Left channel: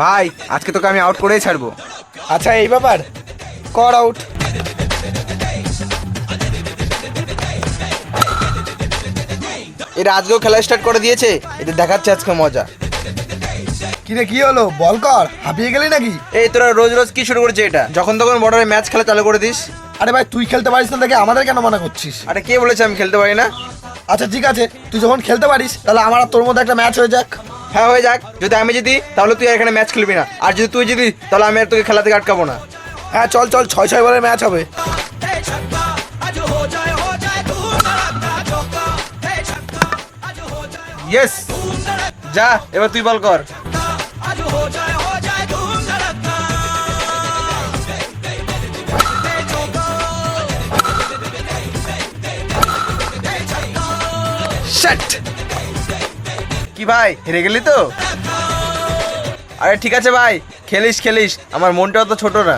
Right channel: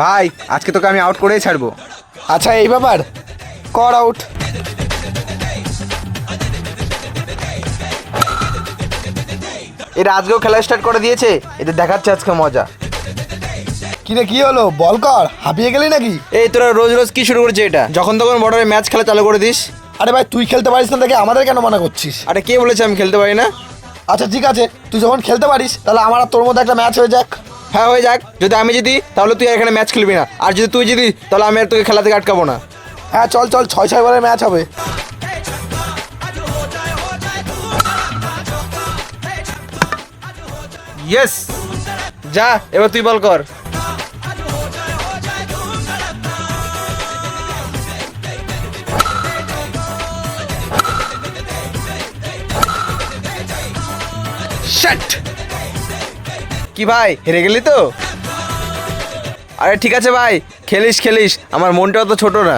ভাই আজকে তোকে আমি আউট করেই ছাড়বো। আচ্ছা এই ব্যাপার, কর আউট। এরা আজকেও খেলা স্টার্ট করে দিয়েছে, এদের দেখাচ্ছে আজকে মজা। কিরে কি হলো, বল কর, হাঁপিয়ে গেলি নাকি? এই তোরা রোজ রোজ কি শুরু করেছে এটা? যখন তখন বর্ডারে ম্যাচ খেলা চালু করে দিস। আরে ভাই তুই খেলতে পারিস না দেখে আমাদের কেন মনে করছিস? আরে কে বলেছে আমি খেলতে পারি না? আচ্ছা ঠিক আছে, তুই যখন খেলতে পারিস তাহলে আমার আর তোর মধ্যে একটা ম্যাচ হয়ে যাক। হ্যাঁ হয়ে যাক। যদি আমি জিতি তাহলে তুই আর এখানে ম্যাচ খেলবি না, আর যদি তুই জিতি তাহলে আমি আর তোকে খেলা থেকে আটকাবো না। হ্যাঁ চল চল, 6-6 বলের ম্যাচ হবে। ইয়েস, যা এবার তুই বল কর। Shut! কি ভাই হেরে গেলি তো? আরে ঠিক আছে ভাই, খেলিস খেলিস, আমার মনটাও তো ছোট না।